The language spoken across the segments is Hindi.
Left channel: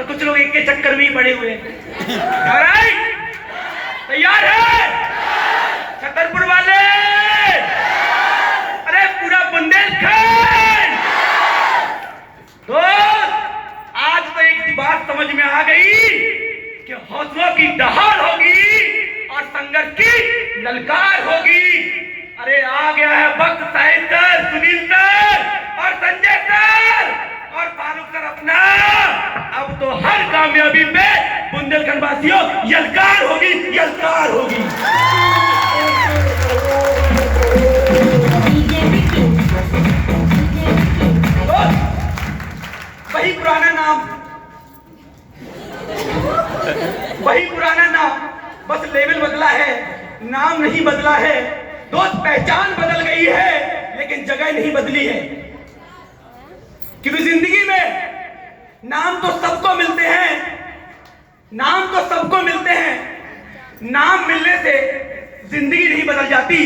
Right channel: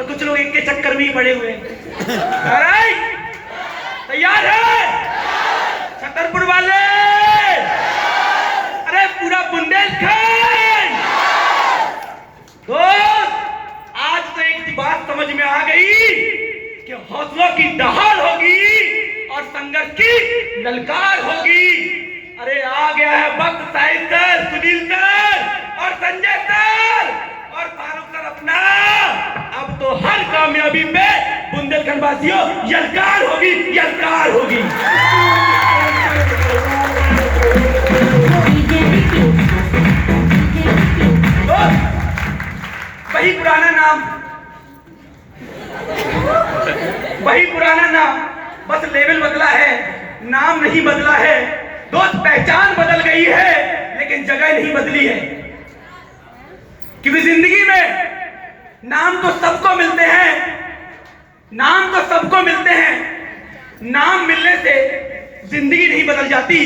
और कुछ लोग एक के चक्कर में ही पड़े हुए हैं। तैयार है छतरपुर वाले? अरे पूरा बुंदेलखंड। आज तो एक बात समझ में आ गई कि हौसलों की दहाड़ होगी और संघर्ष की ललकार होगी। अरे आ गया है वक्त साहिब सर, सुनील सर और संजय सर और फारूक सर अपना। अब तो हर कामयाबी पे बुंदेलखंड वासियों यलकार होगी, यलकार होगी। वही पुराना नाम, वही पुराना नाम, बस लेवल बदला है, नाम नहीं बदला है। दोस्त पहचान बदल गई है लेकिन जगह नहीं बदली है। क्योंकि जिंदगी में नाम तो सबको मिलते हैं, नाम तो सबको मिलते हैं। नाम मिलने से जिंदगी नहीं बदल जाती।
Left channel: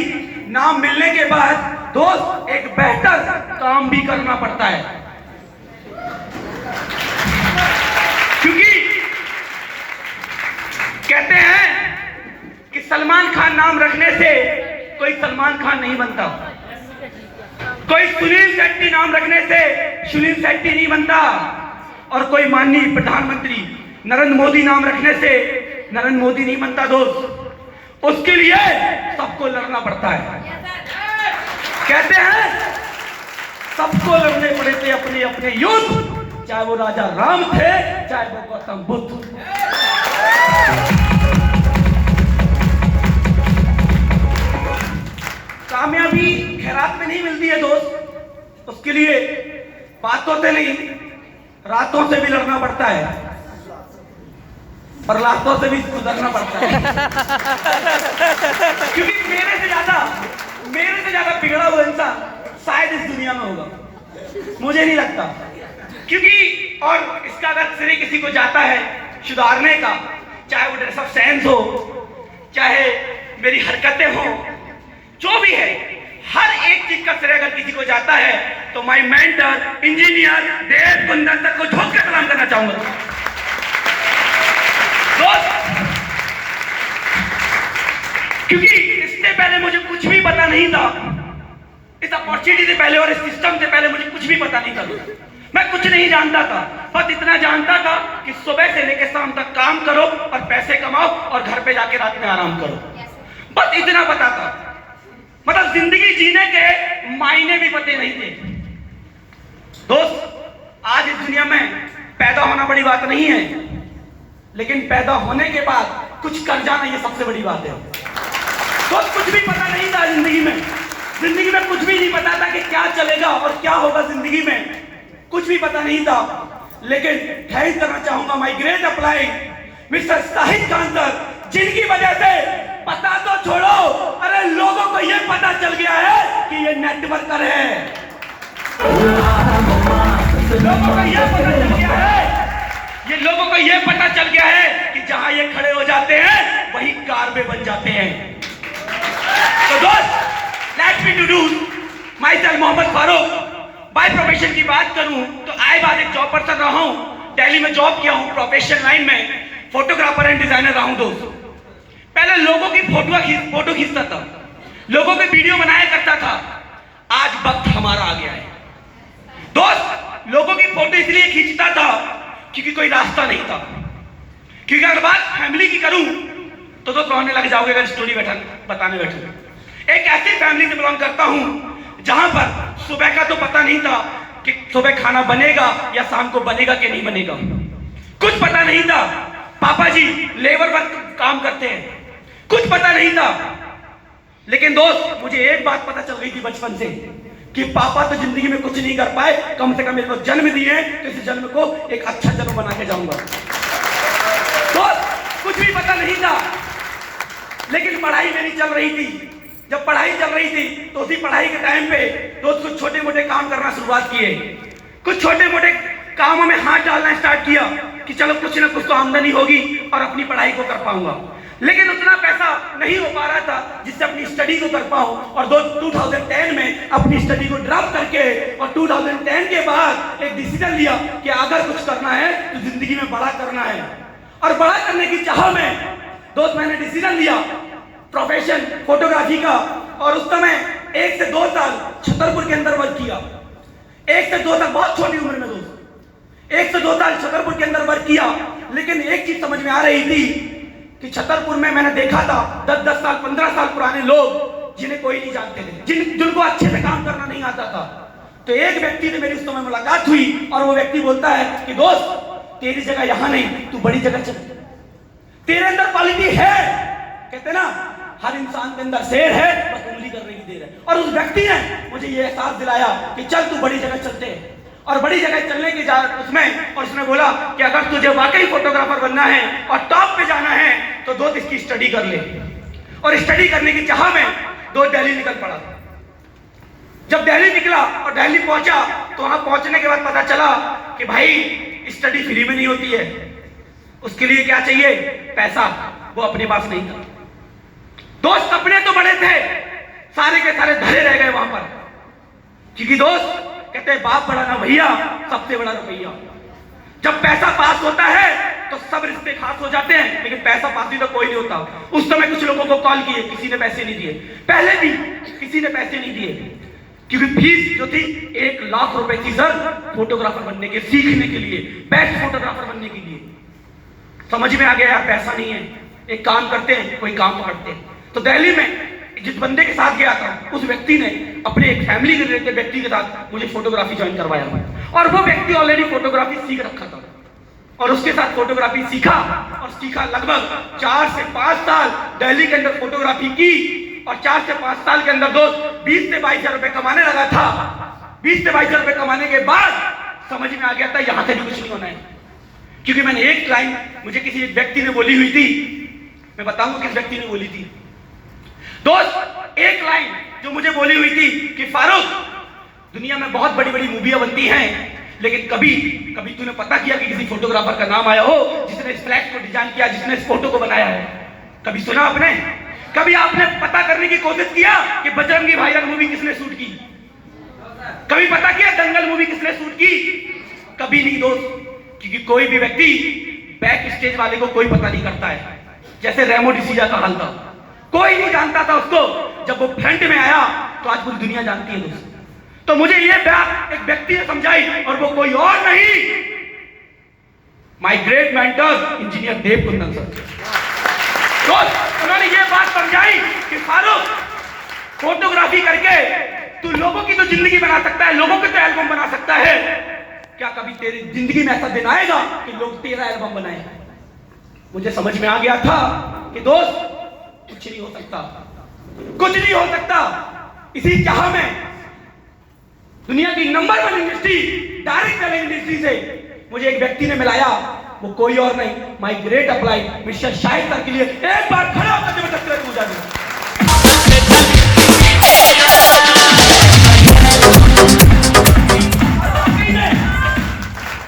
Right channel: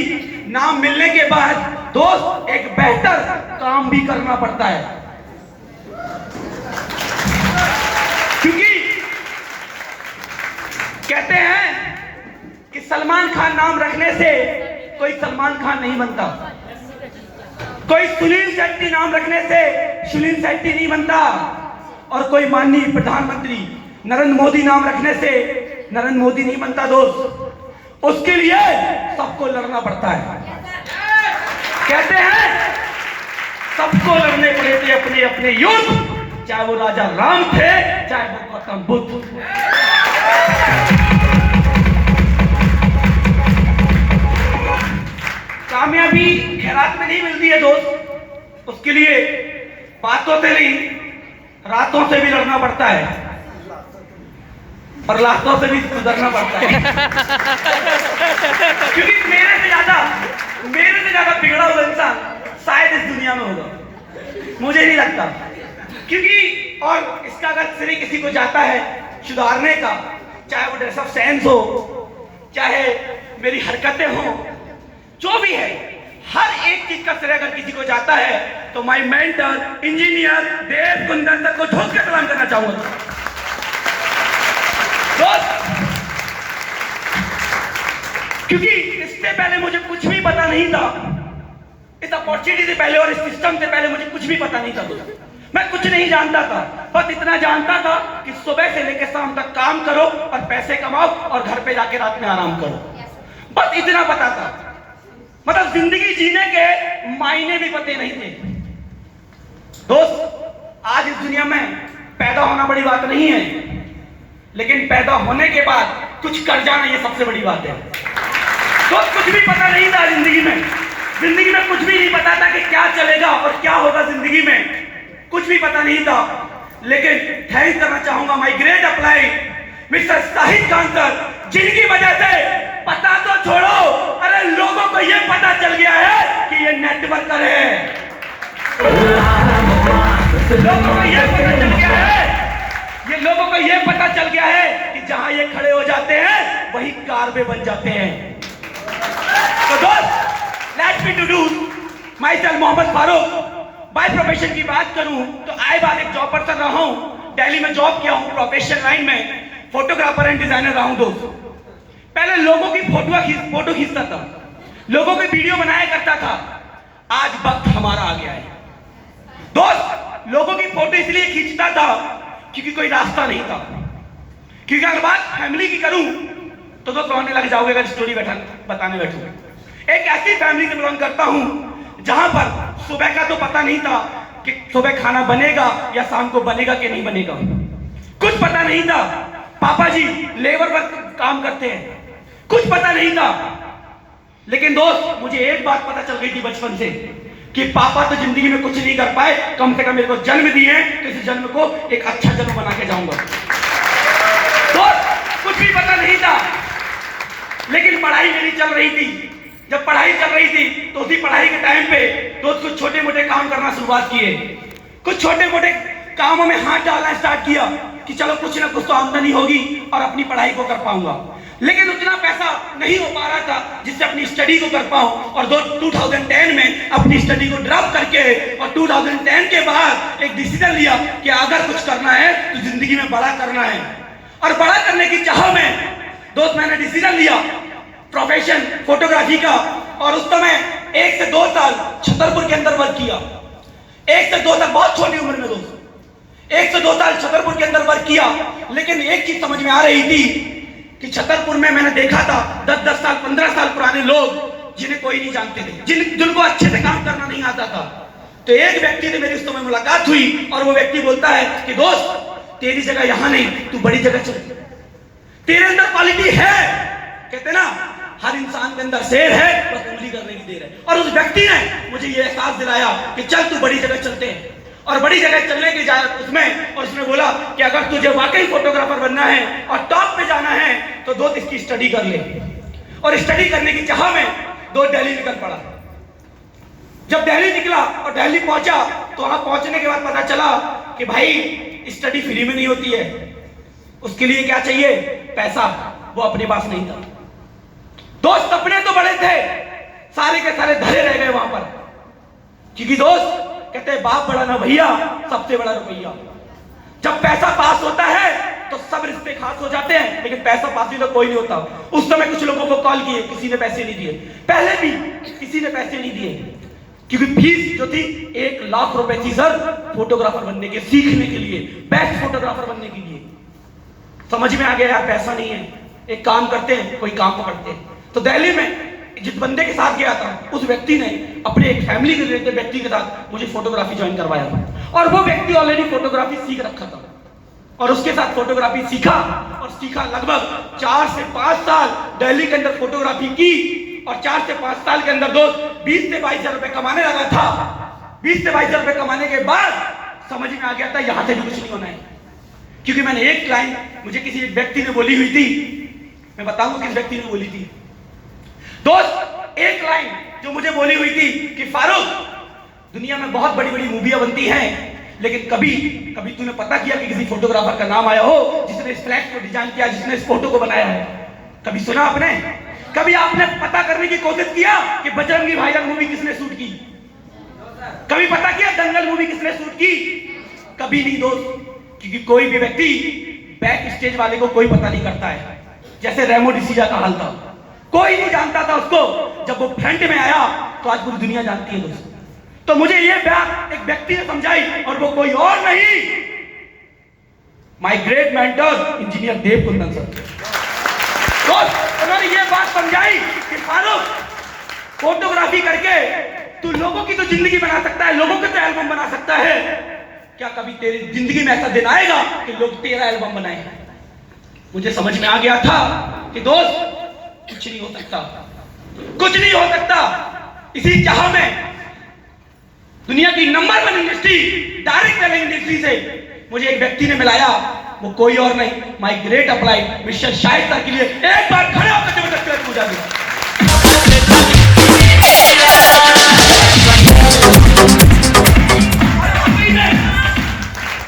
नाम मिलने के बाद दोस्त एक बेहतर काम भी करना पड़ता है। क्योंकि कहते हैं कि सलमान खान नाम रखने से कोई सलमान खान नहीं बनता, कोई सुनील शेट्टी नाम रखने से सुनील शेट्टी नहीं बनता, और कोई माननीय प्रधानमंत्री नरेंद्र मोदी नाम रखने से नरेंद्र मोदी नहीं बनता। दोस्त उसके लिए सबको लड़ना पड़ता है। कहते हैं सबको लड़ने पड़े थे अपने अपने युद्ध, चाहे वो राजा राम थे चाहे वो गौतम बुद्ध। कामयाबी खैरात में नहीं मिलती है दोस्त, उसके लिए बातों से नहीं रातों से भी लड़ना पड़ता है और लातों से भी सुधरना पड़ता है। क्योंकि मेरे से ज्यादा बिगड़ा हुआ इंसान शायद इस दुनिया में होगा, मुझे नहीं लगता। क्योंकि और इसका अगर श्रेय किसी को जाता है सुधारने का, चाहे वो ड्रेस ऑफ सेंस हो, चाहे मेरी हरकतें हो, जो भी है, हर एक चीज का श्रेय अगर किसी को जाता है तो my mentor engineer Dev Kundan sir को झोंक के सलाम करना चाहूंगा। क्योंकि इससे पहले मुझे कुछ भी पता नहीं था, इस अपॉर्चुनिटी से पहले और इस सिस्टम से पहले मुझे कुछ भी पता नहीं था। मैं कुछ नहीं जानता था, बस इतना जानता था कि सुबह से लेकर शाम तक काम करो और पैसे कमाओ और घर पे जाके रात में आराम करो, बस इतना पता था। मतलब जिंदगी जीने के मायने भी पते नहीं थे। दोस्त आज इस दुनिया में पैदा होना बड़ी बात नहीं है, लेकिन पैदा होने के बाद कुछ कर जाना ये सबसे बड़ी बात है। तो कुछ भी पता नहीं था जिंदगी में कुछ भी नहीं पता था कि क्या चलेगा और क्या होगा जिंदगी में, कुछ भी पता नहीं था। लेकिन थैंक करना चाहूंगा my great apply mister Shahid Khan sir, जिनकी वजह से पता तो छोड़ो, अरे लोगों को यह पता चल गया है कि ये नेटवर्कर है। लोगों को यह पता चल गया है, ये लोगों को यह पता चल गया है कि जहां ये खड़े हो जाते हैं वही कारबे बन जाते हैं। तो दोस्त let me introduce my self Mohammad Farooq. By profession की बात करूं तो आए बाद एक जॉब पर्सन रहा हूं, दिल्ली में जॉब किया हूं, प्रोफेशनल लाइन में फोटोग्राफर एंड डिजाइनर रहा हूं। दोस्त पहले लोगों की फोटो खींचता था, लोगों के वीडियो बनाया करता था, आज वक्त हमारा आ गया है। दोस्त लोगों की फोटो इसलिए खींचता था क्योंकि कोई रास्ता नहीं था। क्योंकि अगर बात फैमिली की करूं तो कहने लग जाओगे अगर स्टोरी बताने बैठूंगा। एक ऐसी फैमिली से बिलोंग करता हूं जहां पर सुबह का तो पता नहीं था कि सुबह खाना बनेगा या शाम को बनेगा कि नहीं बनेगा, कुछ पता नहीं था। पापा जी लेबर वर्क काम करते हैं, कुछ पता नहीं था। लेकिन दोस्त मुझे एक बात पता चल गई थी बचपन से कि पापा तो जिंदगी में कुछ नहीं कर पाए, कम से कम मेरे को जन्म दिए, तो इस जन्म को एक अच्छा जन्म बना के जाऊंगा। दोस्त कुछ भी पता नहीं था, लेकिन पढ़ाई मेरी चल रही थी। जब पढ़ाई चल रही थी तो उसी पढ़ाई के टाइम पे दोस्त कुछ छोटे मोटे काम करना शुरुआत किए, कुछ छोटे मोटे कामों में हाथ डालना स्टार्ट किया कि चलो कुछ ना कुछ तो आमदनी होगी और अपनी पढ़ाई को कर पाऊंगा। लेकिन उतना पैसा नहीं हो पा रहा था जिससे अपनी स्टडी को कर पाऊं। और 2010 में अपनी स्टडी को ड्रॉप करके और 2010 के बाद एक डिसीजन लिया कि अगर कुछ करना है तो जिंदगी में बड़ा करना है। और बड़ा करने की चाह में दोस्त मैंने डिसीजन लिया प्रोफेशन फोटोग्राफी का। और उस समय 1 से 2 साल छतरपुर के अंदर वर्क किया। 1 से 2 साल, बहुत छोटी उम्र में दोस्त, 1 से 2 साल छतरपुर के अंदर वर्क किया। लेकिन एक चीज समझ में आ रही थी कि छतरपुर में मैंने देखा था 10-10 साल 15 साल पुराने लोग जिन्हें कोई नहीं जानते थे, जिनको अच्छे से काम करना नहीं आता था। तो एक व्यक्ति से मेरी उस समय मुलाकात हुई और वो व्यक्ति बोलता है कि दोस्त तेरी जगह यहां नहीं, तू बड़ी जगह चल, तेरे अंदर क्वालिटी है। कहते ना हर इंसान के अंदर शेर है, बस उंगली करने की देर है। और उस व्यक्ति ने मुझे ये एहसास दिलाया कि चल तू बड़ी जगह चलते हैं। और बड़ी जगह चलने की उसमें और उसने बोला कि अगर तुझे वाकई फोटोग्राफर बनना है और टॉप पे जाना है तो दोस्त इसकी स्टडी कर ले। और स्टडी करने की चाह में दोस्त दिल्ली निकल पड़ा। जब दिल्ली निकला और दिल्ली पहुंचा तो वहां पहुंचने के बाद पता चला कि भाई स्टडी फ्री में नहीं होती है, उसके लिए क्या चाहिए, पैसा। वो अपने पास नहीं था। दोस्त सपने तो बड़े थे, सारे के सारे धरे रह गए वहां पर। क्योंकि दोस्त कहते हैं बाप बड़ा ना भैया, सबसे बड़ा रुपया। जब पैसा पास होता है तो सब रिश्ते खास हो जाते हैं, लेकिन पैसा पास भी तो कोई नहीं होता। उस समय कुछ लोगों को कॉल किए, किसी ने पैसे नहीं दिए। पहले भी किसी ने पैसे नहीं दिए, क्योंकि फीस जो थी 1 लाख रुपए थी सर, फोटोग्राफर बनने के, सीखने के लिए, बेस्ट फोटोग्राफर बनने के लिए। समझ में आ गया यार पैसा नहीं है, एक काम करते हैं, कोई काम पकड़ते हैं। तो दिल्ली में जिस बंदे के साथ गया था उस व्यक्ति ने अपने एक फैमिली के रिलेटेड व्यक्ति के साथ मुझे फोटोग्राफी ज्वाइन करवाया। और वो व्यक्ति ऑलरेडी फोटोग्राफी सीख रखा था और उसके साथ फोटोग्राफी सीखा और सीखा। लगभग 4 से 5 साल दिल्ली के अंदर फोटोग्राफी की और 4 से 5 साल के अंदर दोस्त 20 से 22 हजार रुपए कमाने लगा था। 20 से 22 हजार रुपए कमाने के बाद समझ में आ गया था यहां से भी कुछ नहीं होना है। क्योंकि मैंने एक लाइन मुझे किसी एक व्यक्ति ने बोली हुई थी, मैं बताऊं किस व्यक्ति ने बोली थी दोस्त। एक लाइन जो मुझे बोली हुई थी कि फारूक, दुनिया में बहुत बड़ी बड़ी मूवियां बनती हैं, लेकिन कभी कभी तूने पता किया कि किसी फोटोग्राफर का नाम आया हो जिसने इस फ्लैश को डिजाइन किया, जिसने इस फोटो को बनाया है? कभी सुना आपने? कभी आपने पता करने की कोशिश किया कि बजरंगी भाईजान मूवी किसने शूट की? कभी पता किया दंगल मूवी किसने शूट की? कभी नहीं दोस्त। क्योंकि कोई भी व्यक्ति बैक स्टेज वाले को कोई पता नहीं करता है। जैसे रेमो डिसूजा का हाल था, कोई नहीं जानता था उसको, जब वो फ्रंट में आया तो आज पूरी दुनिया जानती है दोस्त। तो मुझे ये बात एक व्यक्ति ने समझाई और वो कोई और नहीं, my great mentor engineer Dev Kundan sir. उन्होंने ये बात समझाई कि फारूक, फोटोग्राफी करके तू लोगों की तो जिंदगी बना सकता है, लोगों के तो एल्बम बना सकता है। क्या कभी तेरी जिंदगी में ऐसा दिन आएगा कि लोग तेरा एल्बम बनाए? मुझे समझ में आ गया था कि दोस्त कुछ नहीं हो सकता, कुछ नहीं हो सकता। इसी चाह में दुनिया की number 1 industry, direct selling industry से मुझे एक व्यक्ति ने मिलाया, वो कोई और नहीं, my great applied mister Shahid sir के लिए एक बार खड़ा होकर जबरदस्त पूजा दी।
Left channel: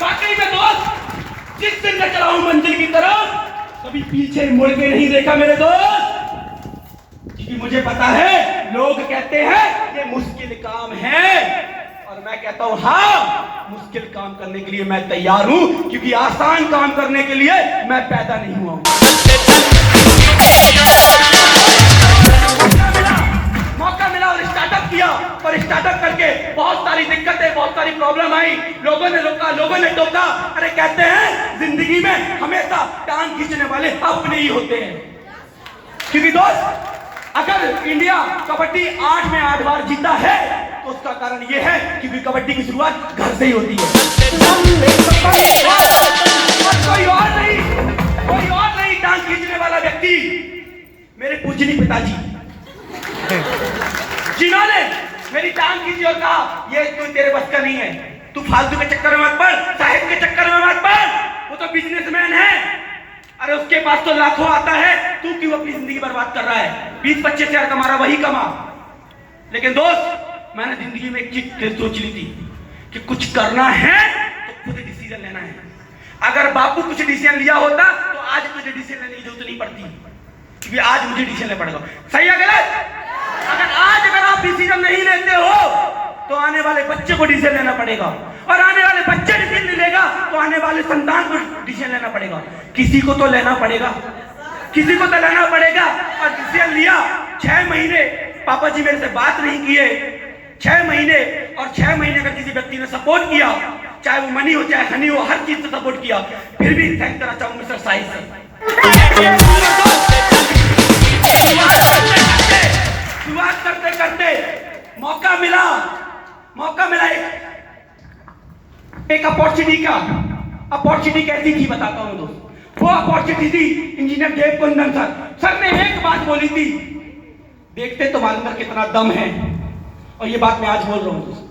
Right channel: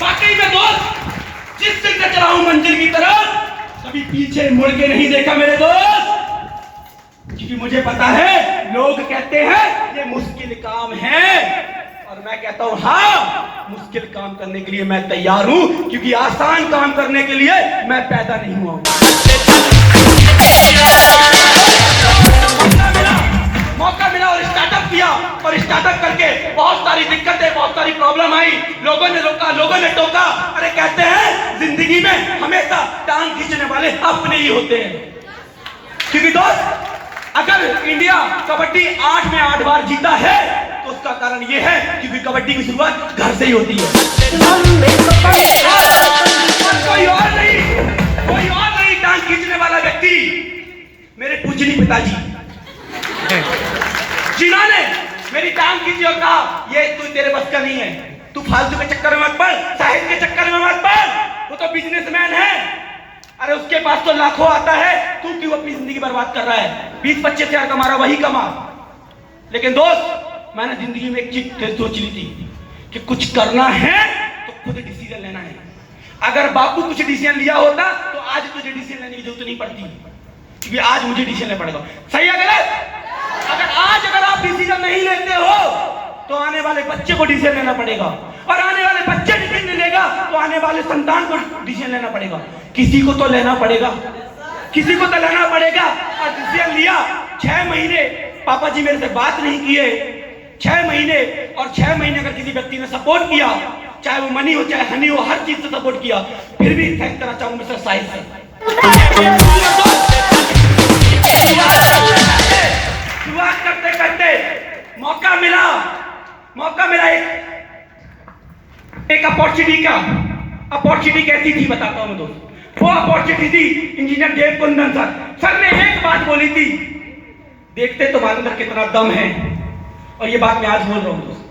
बाकी में दोस्त जिस दिन मैं चला हूं मंजिल की तरफ, कभी पीछे मुड़ के नहीं देखा मेरे दोस्त। क्योंकि मुझे पता है लोग कहते हैं ये मुश्किल काम है और मैं कहता हूं हाँ, मुश्किल काम करने के लिए मैं तैयार हूं, क्योंकि आसान काम करने के लिए मैं पैदा नहीं हुआ। मौका मिला और स्टार्टअप किया और स्टार्टअप करके बहुत सारी दिक्कतें, बहुत सारी प्रॉब्लम आई। लोगों ने रोका, लोगों ने टोका। अरे कहते हैं जिंदगी में हमेशा टांग खींचने वाले अपने ही होते हैं। क्योंकि दोस्त अगर इंडिया कबड्डी 8 में 8 बार जीता है तो उसका कारण यह है क्योंकि कबड्डी की शुरुआत घर से ही होती है। कोई और नहीं टांग खींचने वाला व्यक्ति मेरे पूजनीय पिताजी, जिन्होंने मेरी टांग खींची और कहा ये तू तेरे बस का नहीं है, तू फालतू के चक्कर में मत पड़, साहिब के चक्कर में मत पड़, वो तो बिजनेसमैन है। अरे उसके पास तो लाखों आता है, तू क्यों अपनी जिंदगी बर्बाद कर रहा है? 20-25 हजार कमा रहा, वही कमा। लेकिन दोस्त मैंने जिंदगी में एक चीज सोच ली थी कि कुछ करना है तो खुद डिसीजन लेना है। अगर बापू कुछ डिसीजन लिया होता तो आज तुझे डिसीजन लेने की जरूरत नहीं पड़ती। क्योंकि आज मुझे डिसीजन लेना पड़ेगा। सही है गलत? अगर आप डिसीजन नहीं लेते हो तो आने वाले बच्चे को डिसीजन लेना पड़ेगा, और आने वाले बच्चे डिसीजन नहीं लेगा तो आने वाले संतान को डिसीजन लेना पड़ेगा। किसी को तो लेना पड़ेगा, किसी को तो लेना पड़ेगा। और डिसीजन लिया, 6 महीने पापा जी मेरे से बात नहीं किए, 6 महीने, और 6 महीने अगर किसी व्यक्ति ने सपोर्ट किया, चाहे वो मनी हो चाहे हनी हो, हर चीज से सपोर्ट किया, फिर भी थैंक करना चाहूंगा मिस्टर साहिल सर। शुरुआत करते करते मौका मिला एक अपॉर्चुनिटी कैसी थी बताता हूं दोस्त। वो अपॉर्चुनिटी थी इंजीनियर देवकुंदन सर ने एक बात बोली थी, देखते तो मालूम कितना दम है, और ये बात मैं आज बोल रहा हूं दोस्त,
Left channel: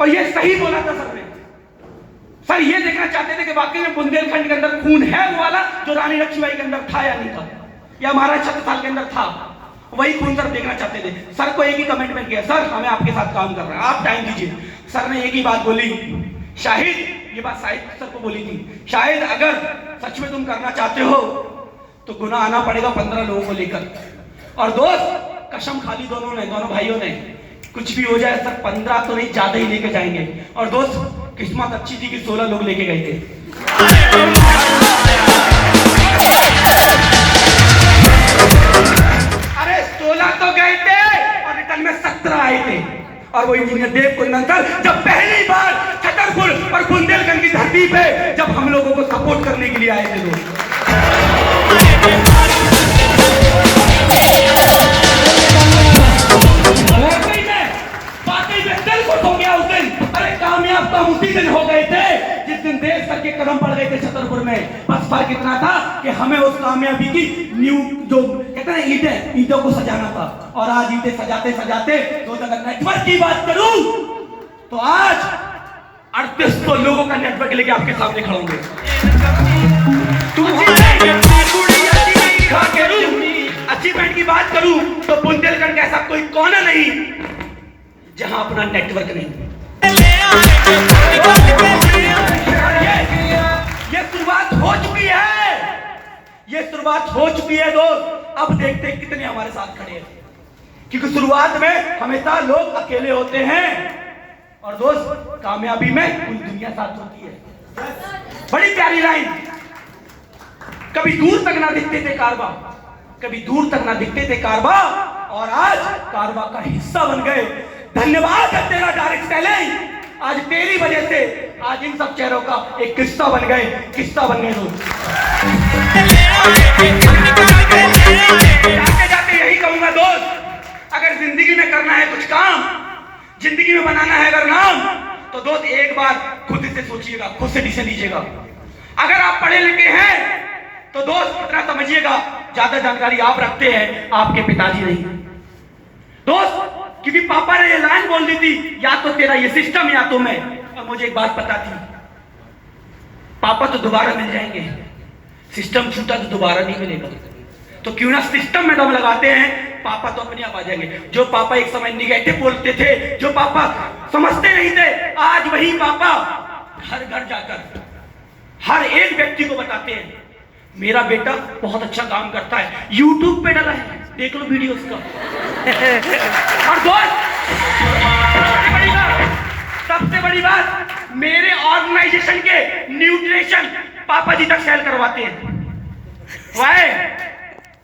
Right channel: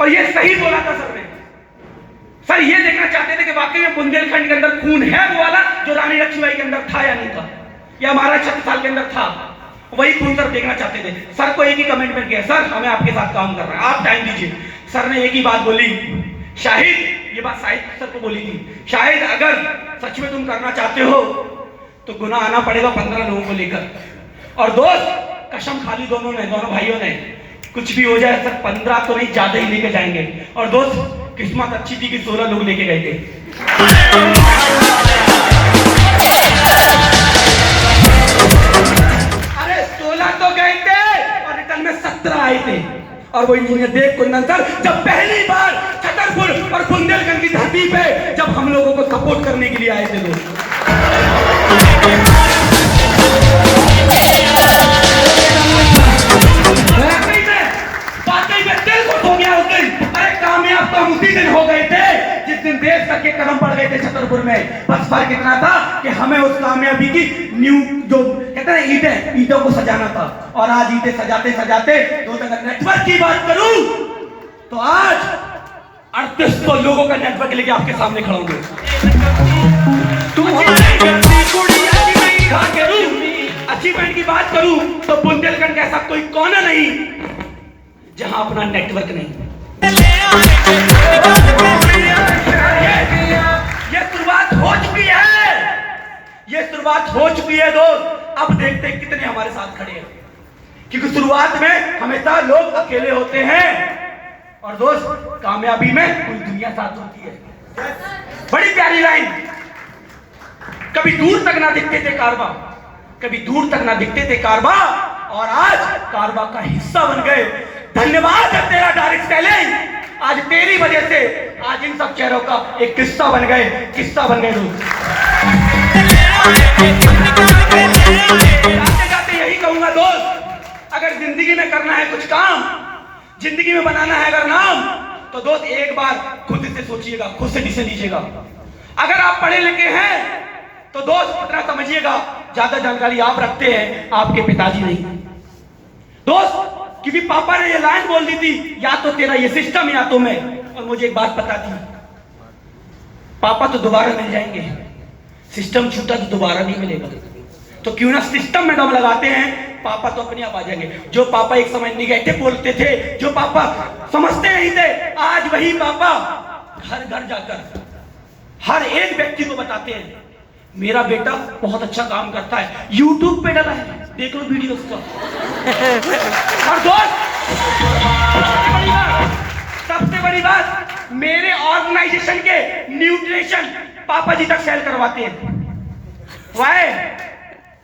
और ये सही बोला था सर ने। सर ये देखना चाहते थे कि वाकई में बुंदेलखंड के अंदर खून है वो वाला जो रानी लक्ष्मीबाई के अंदर था या नहीं था, या महाराज छत्रसाल के अंदर था, वही खून सर देखना चाहते थे। सर को एक ही कमिटमेंट किया, सर हमें आपके साथ काम करना है, आप टाइम दीजिए। सर ने एक ही बात बोली, शाहिद, ये बात शाहिद सर को बोली थी, शाहिद अगर सच में तुम करना चाहते हो तो गुनाह आना पड़ेगा 15 लोगों को लेकर। और दोस्त कसम खा ली दोनों भाइयों ने, कुछ भी हो जाए सर 15 तो नहीं ज्यादा ही लेके जाएंगे। और दोस्त किस्मत अच्छी थी कि 16 लोग लेके गए थे। अरे 16 तो गए थे और रिटर्न में 17 आए थे। और वो इंजीनियर देवकुंदन सर जब पहली बार छतरपुर और बुंदेलखंड की धरती पे जब हम लोगों को सपोर्ट करने के लिए आए थे लोग, उसी दिन हो गए थे जिस दिन देश करके कदम पड़ गए थे छतरपुर में। बस फर्क इतना था कि हमें उस कामयाबी की न्यू जो कहते हैं ईंटों को सजाना था। और आज ईंटें सजाते सजाते तो अगर नेटवर्क की बात करूं तो आज 3800 लोगों का नेटवर्क लेके आपके सामने खड़ा हूं। अचीवमेंट की बात करूं तो बुंदेलखंड का ऐसा कोई कोना नहीं जहां अपना नेटवर्क नहीं। ये शुरुआत हो चुकी है दोस्त। अब देखते हैं कितने हमारे साथ खड़े हैं, क्योंकि शुरुआत में हमेशा लोग अकेले होते हैं और दोस्त कामयाबी में पूरी दुनिया साथ होती है। बड़ी प्यारी लाइन, कभी दूर तक ना दिखते थे कारवा, कभी दूर तक ना दिखते थे कारवा, और आज कारवा का हिस्सा बन गए। धन्यवाद है तेरा डायरेक्ट टैलेंट, आज तेरी वजह से आज इन सब चेहरों का एक किस्सा बन गए लोग। जाते यही कहूंगा दोस्त, अगर जिंदगी में करना है कुछ काम, जिंदगी में बनाना है अगर नाम, तो दोस्त एक बार खुद से सोचिएगा, खुद से डिसीजन लीजिएगा। अगर आप पढ़े लिखे हैं तो दोस्त इतना समझिएगा, ज्यादा जानकारी आप रखते हैं, आपके पिताजी नहीं। दोस्त क्योंकि पापा ने ये लाइन बोल दी थी, या तो तेरा ये सिस्टम या तो मैं। और मुझे एक बात पता थी, पापा तो दोबारा मिल जाएंगे, सिस्टम छूटा तो दोबारा नहीं मिलेगा, तो क्यों ना सिस्टम में दम लगाते हैं, पापा तो अपने आप आ जाएंगे। जो पापा एक समय निगेटिव बोलते थे, जो पापा समझते नहीं थे, आज वही पापा घर घर जाकर हर एक व्यक्ति को बताते हैं मेरा बेटा बहुत अच्छा काम करता है, यूट्यूब पे डाला है, देख लो वीडियो उसका। और दोस्त सबसे बड़ी बात, मेरे ऑर्गेनाइजेशन के न्यूट्रिशन पापा जी तक सेल करवाते हैं। वाह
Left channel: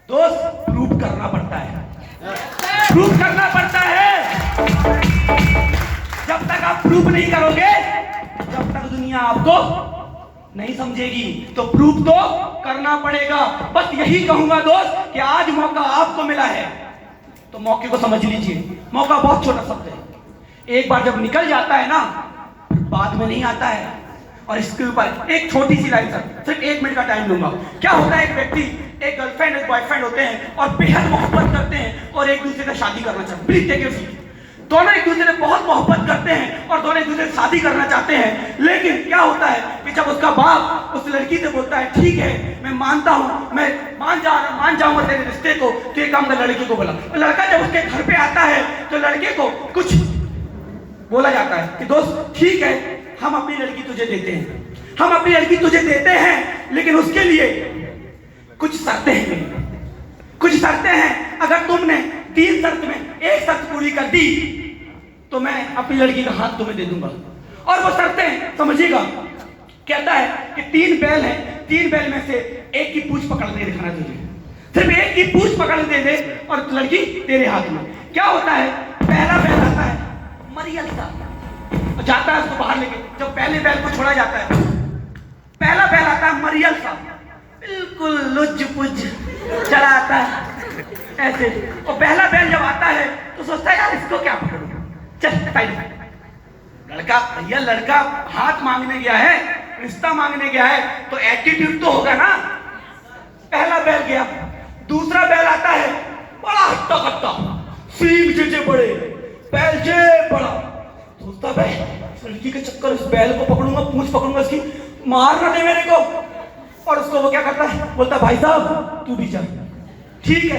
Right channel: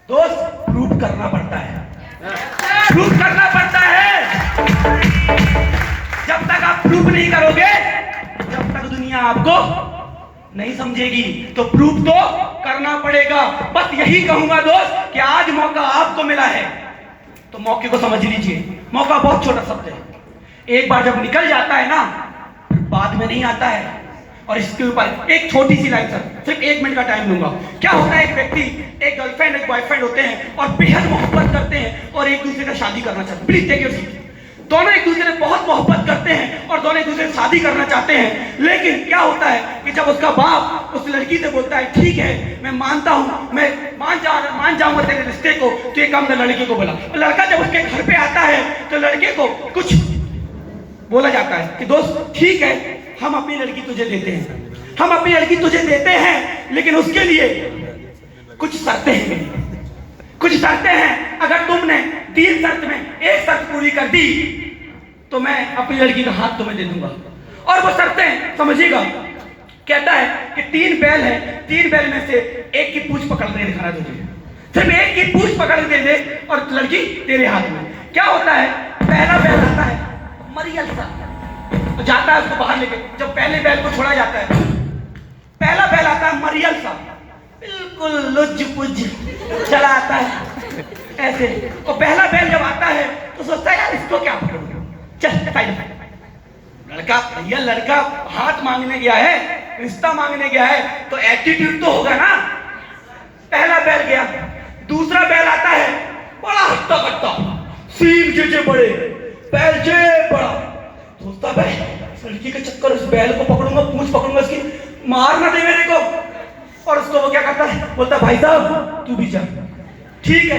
दोस्त, प्रूफ करना पड़ता है, प्रूफ करना पड़ता है। जब तक आप प्रूफ नहीं करोगे, जब तक दुनिया आपको नहीं समझेगी, तो प्रूफ तो करना पड़ेगा। बस यही कहूंगा दोस्त कि आज मौका आपको मिला है तो मौके को समझ लीजिए। मौका बहुत छोटा शब्द है, एक बार जब निकल जाता है ना फिर बाद में नहीं आता है। और इसके ऊपर एक छोटी सी लाइन, सर सिर्फ 1 मिनट का टाइम लूंगा। क्या होता है, एक व्यक्ति, एक गर्लफ्रेंड एक बॉयफ्रेंड होते हैं और बेहद मोहब्बत करते हैं और एक दूसरे से शादी करना चाहते हैं। Please take it easy. दोनों एक दूसरे से बहुत मोहब्बत करते हैं और दोनों एक दूसरे से शादी करना चाहते हैं, लेकिन क्या होता है कि जब उसका बाप उस लड़की से बोलता है ठीक है मैं मानता हूँ, मैं मान जाऊंगा तेरे रिश्ते को, तो एक काम कर लड़की को बोला। लड़का जब उसके घर पे आता है तो लड़के को कुछ बोला जाता है कि दोस्त ठीक है हम अपनी लड़की तुझे देते हैं, हम अपनी लड़की तुझे देते हैं, लेकिन उसके लिए कुछ शर्तें हैं मेरी, कुछ शर्तें हैं, अगर तुमने 3 शर्त में एक शर्त पूरी कर दी तो मैं अपनी लड़की का हाथ तुम्हें दे दूंगा। और वो शर्तें समझिएगा, कहता है कि 3 बैल है, 3 बैल में से एक की पूंछ पकड़ दे दिखाना तुझे, सिर्फ एक की पूंछ पकड़ दे दे और लड़की तेरे हाथ में। क्या होता है, पहला बैल आता है मरियल सा, तो जाता है उसको बाहर लेके, जब पहले बैल को छोड़ा जाता है, पहला बैल आता है मरियल सा, बिल्कुल लुज पुज चला आता है ऐसे। तो पहला बैल जब आता है तो सोचता है यार इसको क्या पकड़ूं, चल साइड में। लड़का, भैया लड़का हाथ मांगने गया है, रिश्ता मांगने गया है, तो एटीट्यूड तो होगा ना। पहला बैल गया, दूसरा बैल आता है बड़ा हट्टा कट्टा, सींग जे बड़े, बैल जे बड़ा, सोचता भाई लड़की के चक्कर उस बैल को पकड़ूंगा, पूंछ पकड़ूंगा इसकी, मार ना दे मेरे को। और उसको वो क्या करता है, बोलता भाई साहब तू भी जा, ठीक है।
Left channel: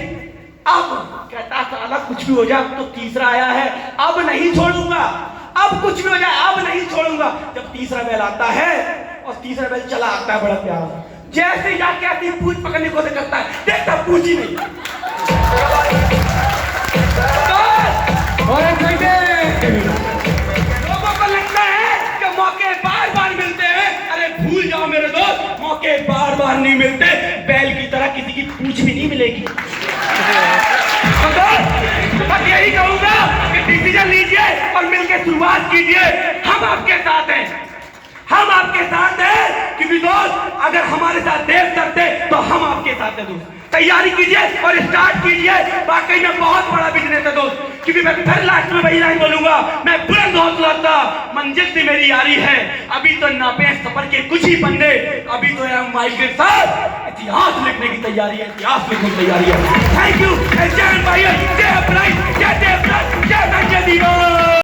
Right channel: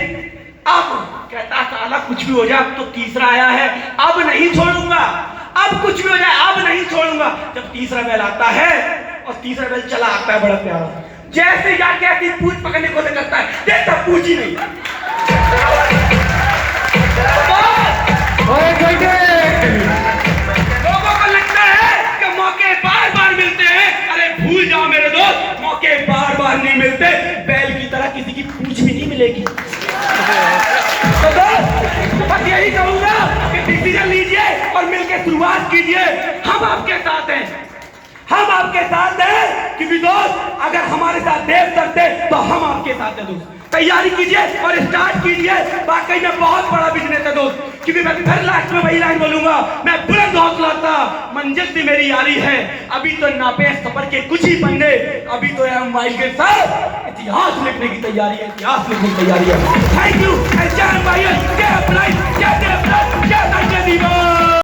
अब कहता साला कुछ भी हो जाए, अब तो तीसरा आया है, अब नहीं छोड़ूंगा, अब कुछ भी हो जाए अब नहीं छोड़ूंगा। जब तीसरा बैल आता है और तीसरा बैल चला आता है बड़ा प्यारा, जैसे जाके ऐसी पूंछ पकड़ने को करता है, देखता पूंछ ही नहीं। लोगों को लगता है कि मौके बार बार मिलते हैं, अरे भूल जाओ मेरे दोस्त, मौके बार बार नहीं मिलते, बैल की तरह किसी की पूंछ भी नहीं मिलेगी। तो बस यही कहूंगा कि डिसीजन लीजिए और मिलकर शुरुआत कीजिए। हम आपके साथ हैं, हम आपके साथ हैं कि दोस्त अगर हमारे साथ देव करते तो हम आपके साथ हैं दोस्त। तैयारी कीजिए और स्टार्ट कीजिए, वाकई में बहुत बड़ा बिजनेस है दोस्त। क्योंकि मैं फिर लास्ट में वही लाइन बोलूंगा, मैं बुलंद हौसला था, मंजिल से मेरी यारी है, अभी तो नापे सफर के कुछ ही पन्ने, अभी तो यार माइल के साथ इतिहास लिखने की तैयारी है, इतिहास लिखने की तैयारी है। थैंक यू, जय भाई, जय अपराध, जय